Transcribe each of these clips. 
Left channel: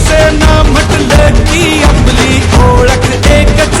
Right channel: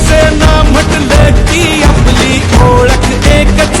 शिवसेना म्हटलं की आपली ओळख एकच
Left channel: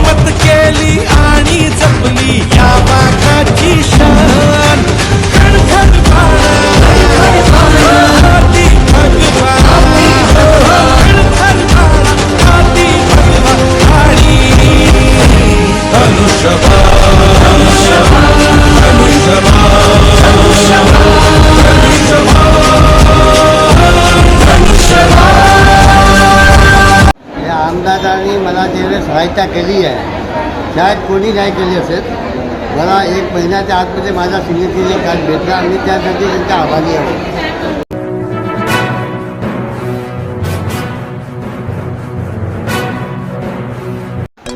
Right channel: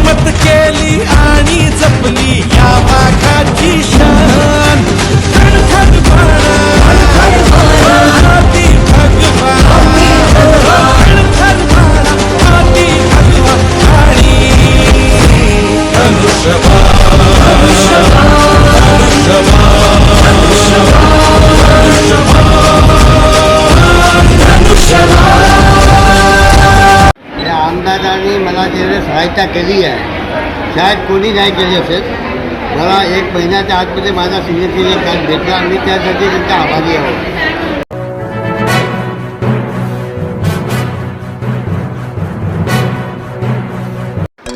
हिम्मत केली आणि जपली या वाघाची शान. कणखर बाळा हाती भगवा कणखर बाळा हाती भगवा आणि धनुष्यबा सहायता केली आहे. शायद कोणी नाही केली असेल मला एक महिन्याच्या आतमध्ये माझा सिग्नेचर कार्ड भेटला मी त्यासाठी त्यांच्या आभारी आहोत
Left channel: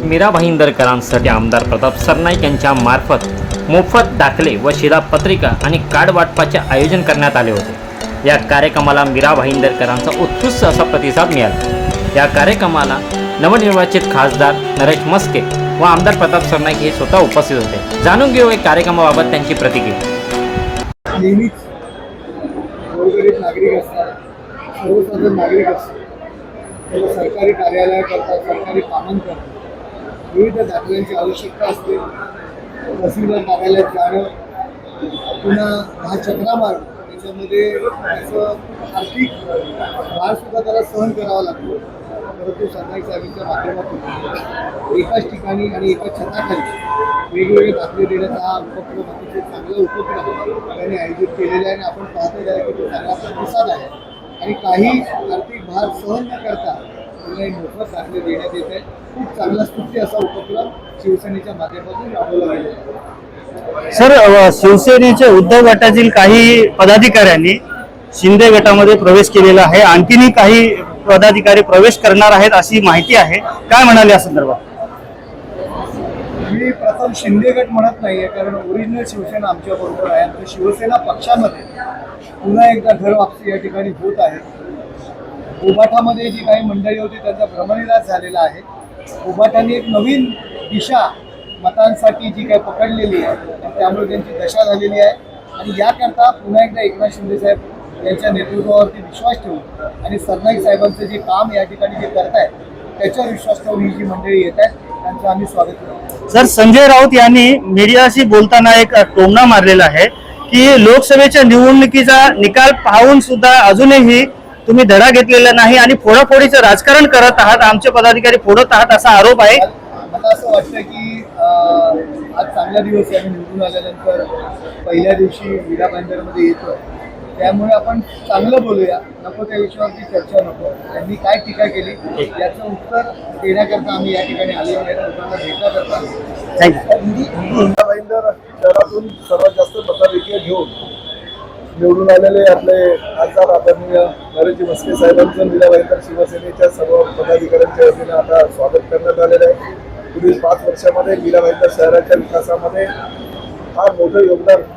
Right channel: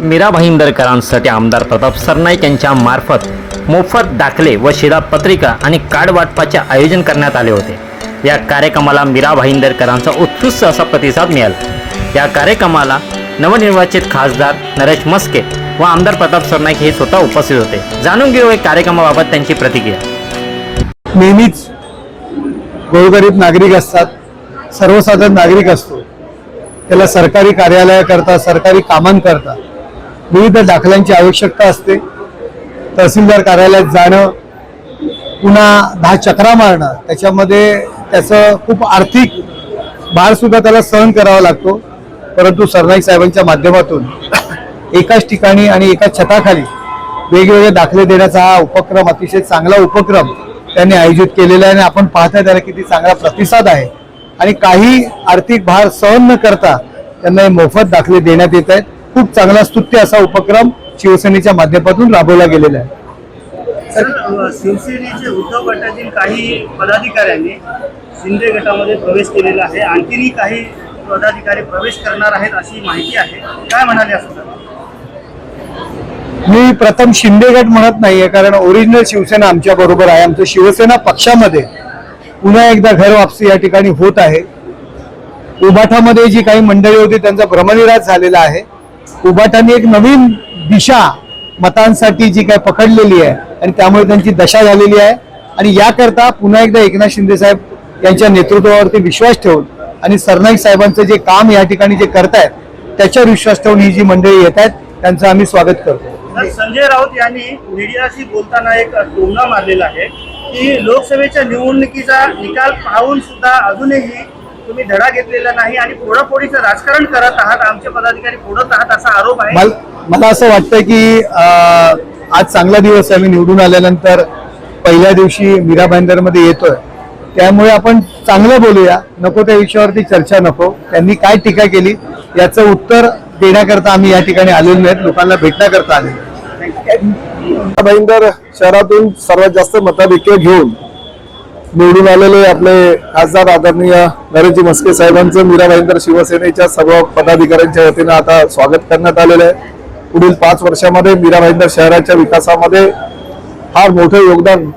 मीरा भाईंदरकरांसाठी आमदार प्रताप सरनाईक यांच्या मार्फत मोफत दाखले व शिधापत्रिका आणि कार्ड वाटपाचे आयोजन करण्यात आले होते. या कार्यक्रमाला मीरा भाईंदरकरांचा उत्कृष्ट असा प्रतिसाद मिळाला. या कार्यक्रमाला नवनिर्वाचित खासदार नरेश मस्के व आमदार प्रताप सरनाईक हे स्वतः उपस्थित होते. जाणून घेऊ या कार्यक्रमाबाबत त्यांची प्रतिक्रिया. नेहमीच गोरगरीब नागरिक असतात. सर्वसाधारण नागरिक असतो. त्याला सरकारी कार्यालयाकरता सरकारी कामांकरता विविध दाखल्यांची आवश्यकता असते. तहसीलदार कार्यालयात जाणं पुन्हा दहा चक्रा मारणं त्याच्यामध्ये त्याचं खूप आर्थिक भारसुद्धा त्याला सहन करावा लागतो. परंतु सरनाईक साहेबांच्या माध्यमातून एकाच ठिकाणी आणि एकाच छताखाली वेगवेगळे दाखले देण्याचा हा उपक्रम अतिशय चांगला उपक्रम त्यांनी आयोजित केलेला आहे आणि आपण पाहताय त्याला किती चांगला प्रतिसाद आहे. आणि काही आर्थिक भार सहन न करता त्यांना हे मोफत दाखले देण्यात येत आहेत. खूप चांगला स्तुत्य असा उपक्रम शिवसेनेच्या माध्यमातून राबवला गेलेला आहे. सर शिवसेनेच्या शिवसेनेचे उद्धव गटातील काही पदाधिकाऱ्यांनी शिंदे गटामध्ये प्रवेश केलेला आहे. आणखीनही काही पदाधिकारी प्रवेश करणार आहेत अशी माहिती आहे. काय म्हणाले या संदर्भात? मी प्रथम शिंदे गट म्हणत नाहीये कारण ओरिजिनल शिवसेना आमच्या बरोबर आहे. आमचं शिवसेना पक्षामध्ये पुन्हा एकदा घर वापसी या ठिकाणी होत आहे. उबाठामध्ये जी काही मंडळी होती त्यांचा भ्रमनिराज झालेला आहे. उबाठाने एक नवीन दिशा मतांसाठी जी काही पकडलेली आहे आणि त्यामुळे त्यांची दशा झालेली आहे. आणि याकरता पुन्हा एकदा एकनाथ शिंदे साहेब यांच्या नेतृत्वावरती विश्वास ठेवून आणि सरनाईक साहेबांचं जे काम या ठिकाणी जे करतायत त्याच्यावर विश्वास ठेवून ही जी मंडळी येत आहेत त्यांचं आम्ही स्वागत करतो. सर संजय राऊत यांनी मीडियाशी बोलताना एक टोमणा मारलेला आहे की लोकसभेच्या निवडणुकीचा निकाल पाहून सुद्धा अजूनही तुम्ही धडा घेतलेला नाही आणि फोडाफोडीचं राजकारण करत आहात आमचे पदाधिकारी फोडत आहात असा आरोप आहे. मला असं वाटतं की आज चांगला दिवस आहे मी निवडून आल्यानंतर पहिल्या दिवशी मीरा मध्ये येतोय. त्यामुळे आपण चांगलं बोलूया. नको त्या विषयावरती चर्चा नको. त्यांनी काय टीका केली याचं उत्तर देण्याकरता आम्ही या ठिकाणी आलेलो आहेत. लोकांना भेटण्याकरता आले भाईंदर शहरातून सर्वात जास्त मताधिक्य घेऊन निवडून आलेले आपले खासदार आदरणीय नरेशजी मस्के साहेबांचं मीरा भाईंदर शिवसेनेच्या सर्व पदाधिकाऱ्यांच्या वतीनं आता स्वागत करण्यात आलेलं आहे. पुढील पाच वर्षामध्ये मीरा भाईंदर शहराच्या विकासामध्ये फार मोठं योगदान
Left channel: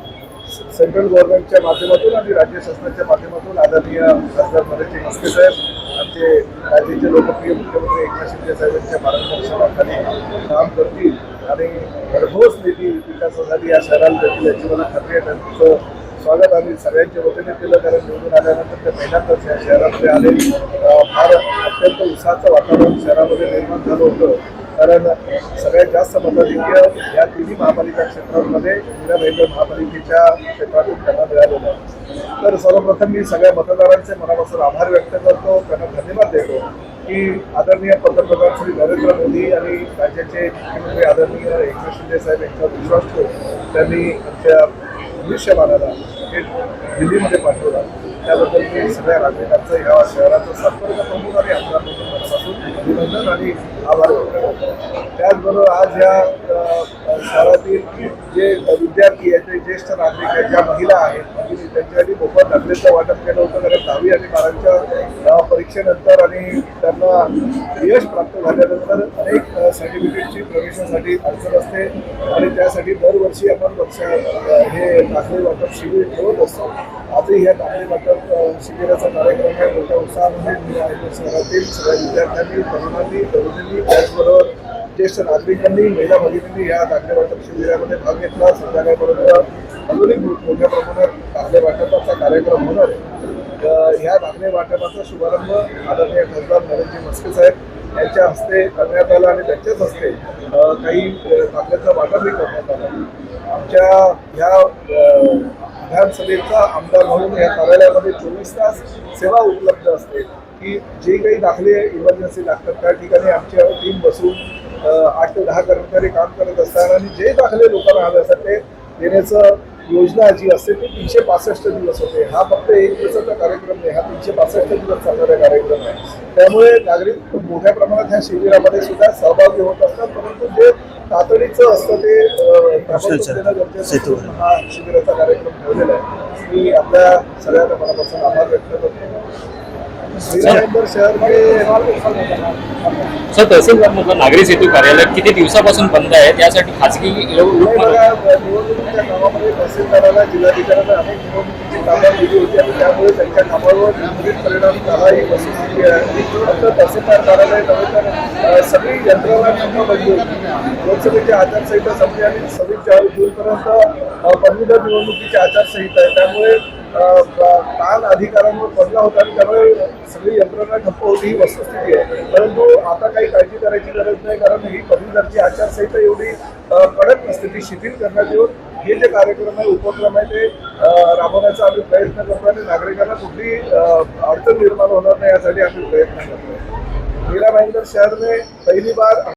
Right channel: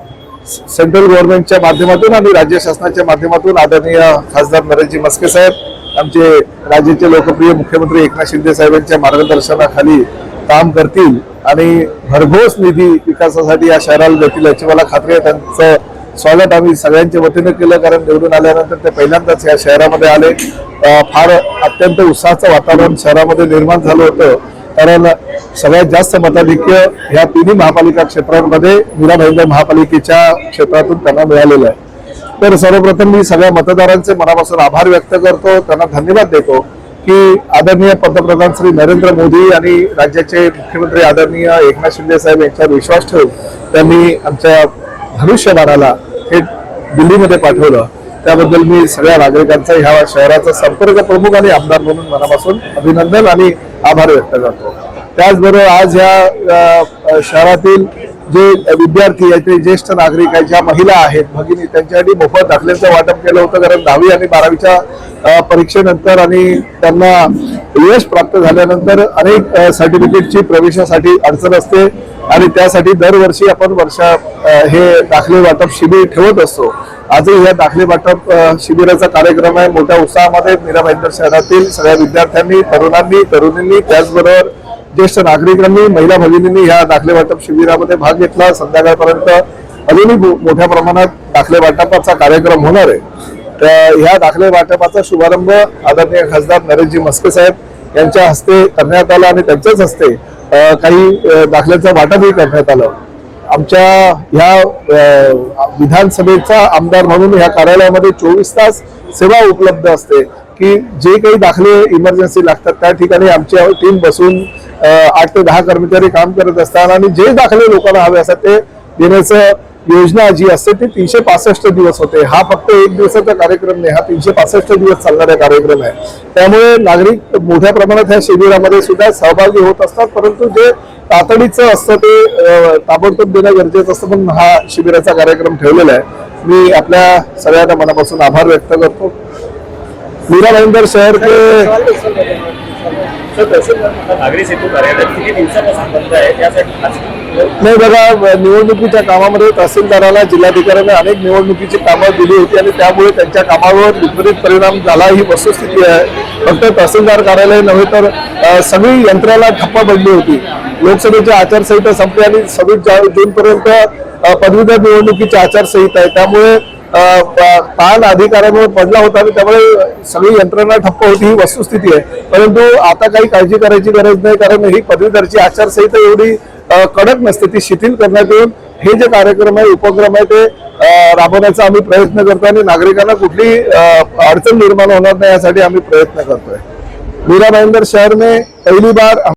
सेंट्रल गव्हर्नमेंटच्या माध्यमातून आणि राज्य शासनाच्या माध्यमातून आदरणीय खासदार नरेशजी मस्के साहेब आमचे राज्याचे लोकप्रिय मुख्यमंत्री एकनाथ शिंदे साहेबांच्या मार्गदर्शनाखाली काम करतील आणि भरघोस निधी विकासासाठी या शहराला देतील याची मला खात्री आहे. त्यांचं स्वागत आम्ही सगळ्यांच्या वतीनं केलं कारण निवडून आल्यानंतर ते पहिल्यांदाच या शहरामध्ये आले. फार अत्यंत उत्साहाचं वातावरण शहरामध्ये निर्माण झालं होतं. कारण सगळ्यात जास्त मताधिक्य ह्या तिन्ही महापालिका क्षेत्रांमध्ये मीरा भाईंदर महापालिकेच्या क्षेत्रातून त्यांना मिळालेलं आहे. तर सर्वप्रथम मी सगळ्या मतदारांचे मनापासून आभार व्यक्त करतो. त्यांना धन्यवाद देतो की आदरणीय पंतप्रधान श्री नरेंद्र मोदी आणि राज्याचे मुख्यमंत्री आदरणीय एकनाथ शिंदे साहेब यांच्यावर विश्वास ठेवून त्यांनी आमच्या धनुष्यबाणाला हे दिल्लीमध्ये पाठवलं. त्याबद्दल मी सगळ्या नागरिकांचा ह्या शहराचा संपर्क प्रमुख आणि आमदार म्हणून मनापासून अभिनंदन आणि आभार व्यक्त करतो. त्याचबरोबर आज ह्या शहरातील जे विद्यार्थी आहेत ते ज्येष्ठ नागरिक आहेत ज्या महिला आहेत भगिनी त्यांच्यासाठी मोफत दाखल्याचं वाटप केलं होतं कारण दहावी आणि बारावीच्या परीक्षेनंतर आणि त्यांना यश प्राप्त झाल्यानंतर अनेक सर्टिफिकेटची प्रवेशासाठी अडचण असते आणि त्यासाठी दरवर्षी आपण वर्षा हे दाखले वाटप शिबिर ठेवत असतो. आजही ह्या दाखले वाटप शिबिराचा कार्यक्रम आहे. मोठ्या उत्साहामध्ये मीरा भाईंदर शहरातील सगळ्या विद्यार्थ्यांनी तरुणांनी तरुणींनी त्याचबरोबर ज्येष्ठ नागरिकांनी महिला भगिनींनी ह्या दाखले वाटप शिबिरामध्ये भाग घेतला. संध्याकाळपर्यंत अजूनही मोठ्या प्रमाणात दाखले वाटपाचा कार्यक्रम होणार आहे. तर ह्या दाखले वाटपाचा शुभारंभ आदरणीय खासदार नरेशजी मस्के साहेब यांच्या हस्ते करण्यात आला आणि त्यांच्याच हस्ते काही दाखल्याचं वाटपही करण्यात आलं. आमच्या ह्या विधानसभेचा आमदार म्हणून ह्या कार्यालयामध्ये चोवीस तास सेवा उपलब्ध असते. की जे काही दाखले इमर्जन्सी लागतात त्या ठिकाणी आमची टीम बसून आठ ते दहा कर्मचारी काम करत असतात आणि जे दाखले लोकांना हवे असतात ते देण्याचं योजना जी असते ती तीनशे पासष्ट दिवस होते. हा फक्त एक दिवसाचा कार्यक्रम नाही हा तीनशे पासष्ट दिवस चालणारा कार्यक्रम आहे. त्यामुळे नागरिक मोठ्या प्रमाणात ह्या शिबिरामध्ये सुद्धा सहभागी होत असतात परंतु जे तातडीचं असतं ते ताबडतोब देणं गरजेचं असतं म्हणून हा शिबिराचा कार्यक्रम ठेवलेला आहे. मी आपल्या सगळ्यांना मनापासून आभार व्यक्त करतो. मीरा भाईंदर शहर के सर तहसीलदार नागरी सेतू कार्यालय किती दिवसापासून बंद आहे? त्यासाठी खाजगी नाही बघा निवडणुकीच्या कामामध्ये तहसीलदाराला जिल्हाधिकाऱ्यांनी अनेक निवडणुकीची कामं दिली होती आणि त्यामुळे त्यांच्या कामावर विपरीत परिणाम झाला ही वस्तुस्थिती आहे. फक्त तहसीलदार कार्यालय नव्हे तर सगळी यंत्रणा ठप्प पडली होती. लोकसभेची आचारसंहिता संपली आणि सव्वीस जून पर्यंत पदवीधर निवडणुकीची आचारसंहिता आहे. त्यामुळे ताण अधिकाऱ्यामुळे पडला होता आणि त्यामुळे सगळी यंत्रणा ठप्प होती ही वस्तुस्थिती आहे. परंतु आता काही काळजी करायची गरज नाही कारण ही पदवीधरची आचारसंहिता एवढी कडक नसते ती शिथिल करण्यात येऊन हे जे कार्यक्रम आहे उपक्रम आहे ते राबवण्याचा आम्ही प्रयत्न करतो आणि नागरिकांना कुठली अडचण निर्माण होणार नाही यासाठी आम्ही प्रयत्न करतोय. मीरा भाईंदर शहर में पहली बार